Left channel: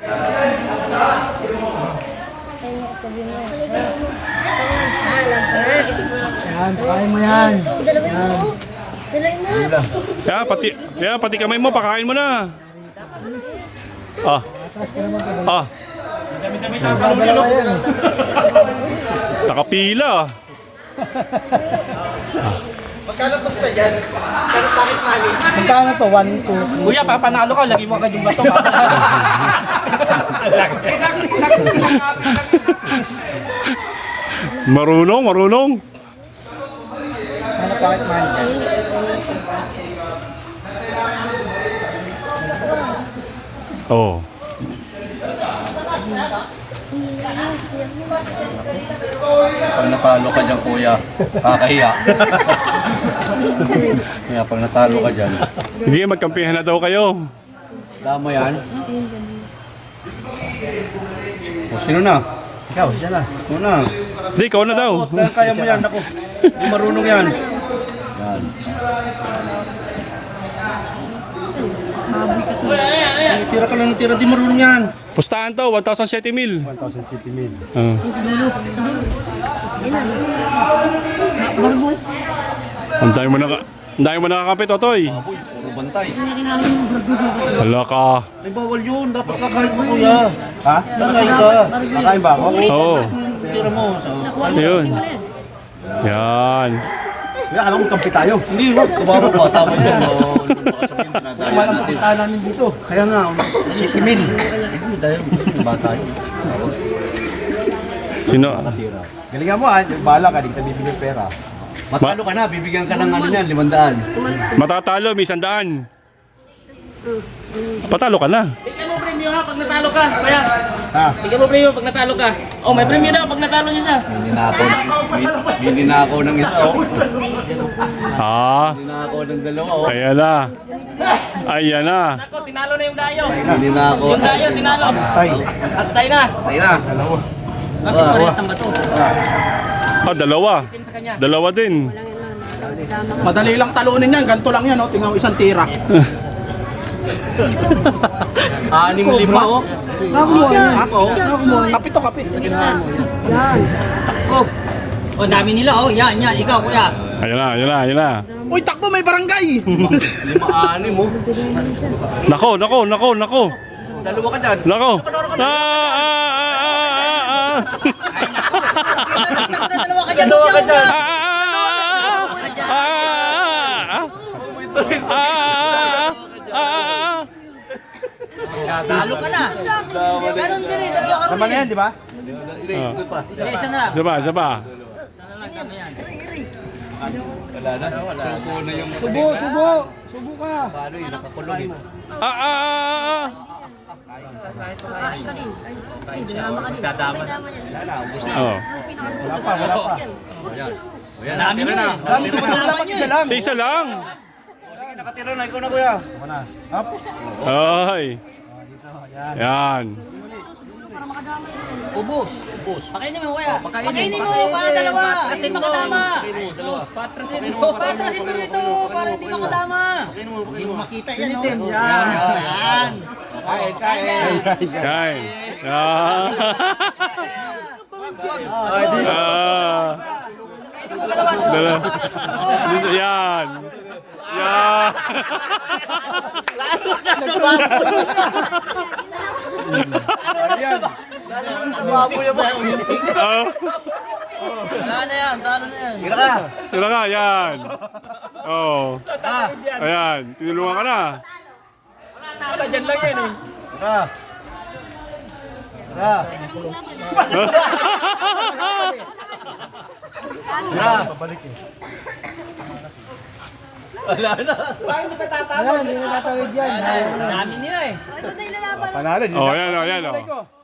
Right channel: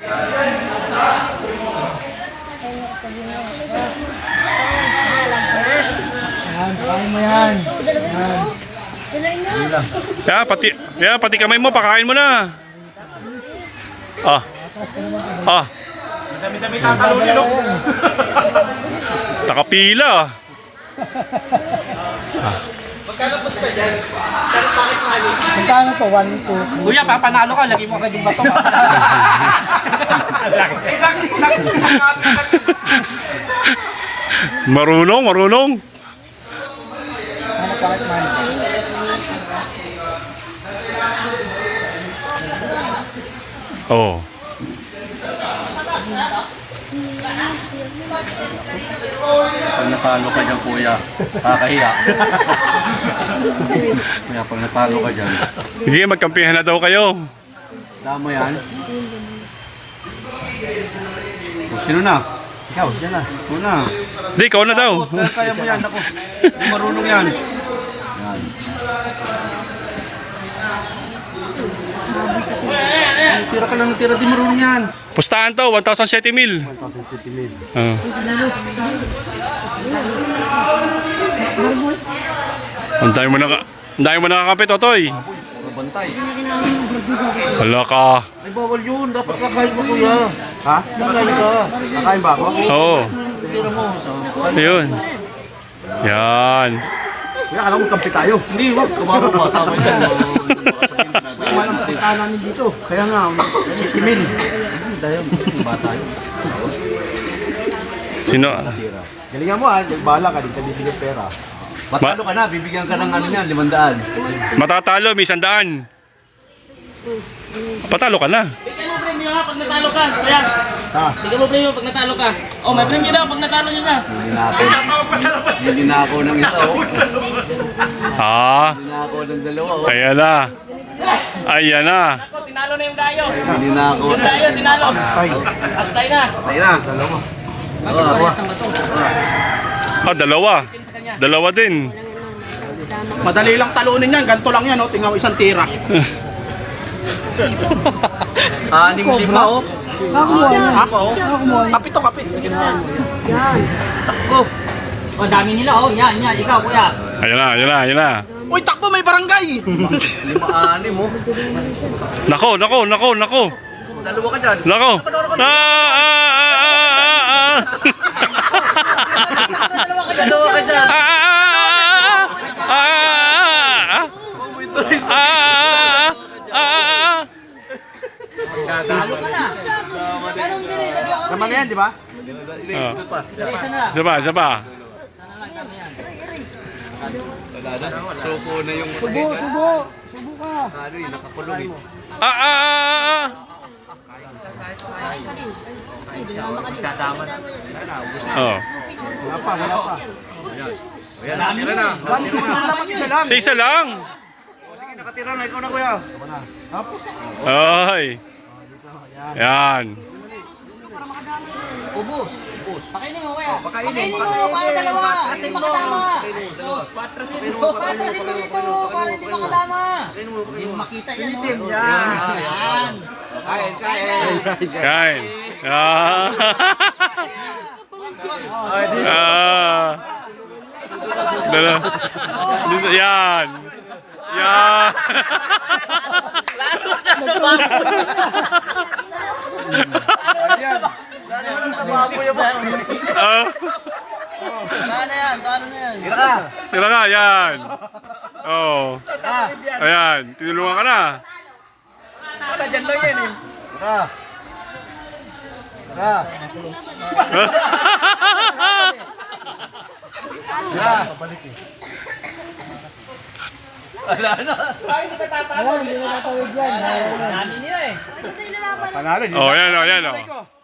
Alam ko na. Yan, pakain mo yan. Pati kamay mo, pakain mo na. Dalawa yan. Takapila. Magkano to? 1, 2, 3. Kuya, papanalo ka, lagi mo agad yung bato. Marunong. Ano bakit man? Oh. Pag natalo ka dyan, kuya, kakahiya. Kaya pag natalo ka dyan, Sige, magkampihan na daw kayo. damo yan. O, sino na? Ikaw, dyan na. Sino na? Hindi, ikaw na daw. Kaya mo yan, ako. Hindi marunong yan. Yan. Tira ka lang ng tira, di marunong yan. Pustahan to, 1,007 mil. 1,000 mil. Ang dami mo nakakapit, Totoy. Puro bantay. Hala ka. Ay, bawal yun. Dapat kakain mo, kuya. Ha? Kakain ka. Kakain ba ako? Oo. Tira mo. Ayun. Yan. Kuya, alam mo kampi tayo. Hindi, wag. Kabaro ba? Tama yun. Walang kapistahan namin dito. Kaya nga, 60 mil. Dahil, bata yun. Sino? Galingan mo ha, bahala ka dito, bibigyan pera. Matalo ka na, bibigyan ka ng ano yan, 500. Matatalo, may 100. Patalo ka na. Bigyan mo premyo ha, pag natalo ka. Kuya, Ha? bigyan mo premyo pag natalo ka. Oh, may premyo daw pag natalo niya siya. Hindi na ako ng isa, oh. Ah, Hindi na ako ng dalawa, oh. kaya na. Ayan na. Ako, tinalo na yung dayo. Hindi na ako. Yung dayo, tinalo. Ay, Atay na. Tayo na. Bakit parehas ng bato? Dalawa. Tin sa kanya. Dalawa din. Madali lang talunin yan. Ganito lang yan, oh. Tingnan mo isang tira. 6-5, oh. Ako, oh. Kapit to, kapit. Sa gitna. Takbo. Oh, dami nila, oh. Yan. Ikaw, kuya. Ayan na. Uy, takbo, may barangay. 5-6 mo. Nako. Dalawa ka dyan. Nako. Dalawa ka dyan. Talo ka na. Ganon din eh. naman yan, di ba? Isa na. Isa pa. Wala na. Suko na yung... Subo ka. Ano yun, nakakulong eh. Oh. Wala pa. Dami na eh. Dapat isa lang. Sa isa lang. Sige, nakatira na. Ikaw na, kuya. Hop. Ay. Yan. Ubus. Pakainin mo, kuya. Pakainin mo, para dalawa. Kasi makadama. Patrasin mo rito, para hindi makadama. Hindi mo makita yan, no? Yan. Kain. Kain. Yan. Tira ka, yan. Oh. Ayan, tinulungan ka na. Dyan lang yan eh. Hindi na tatawid yan. Dami nila eh. Panalo. Oh, yan. Oh.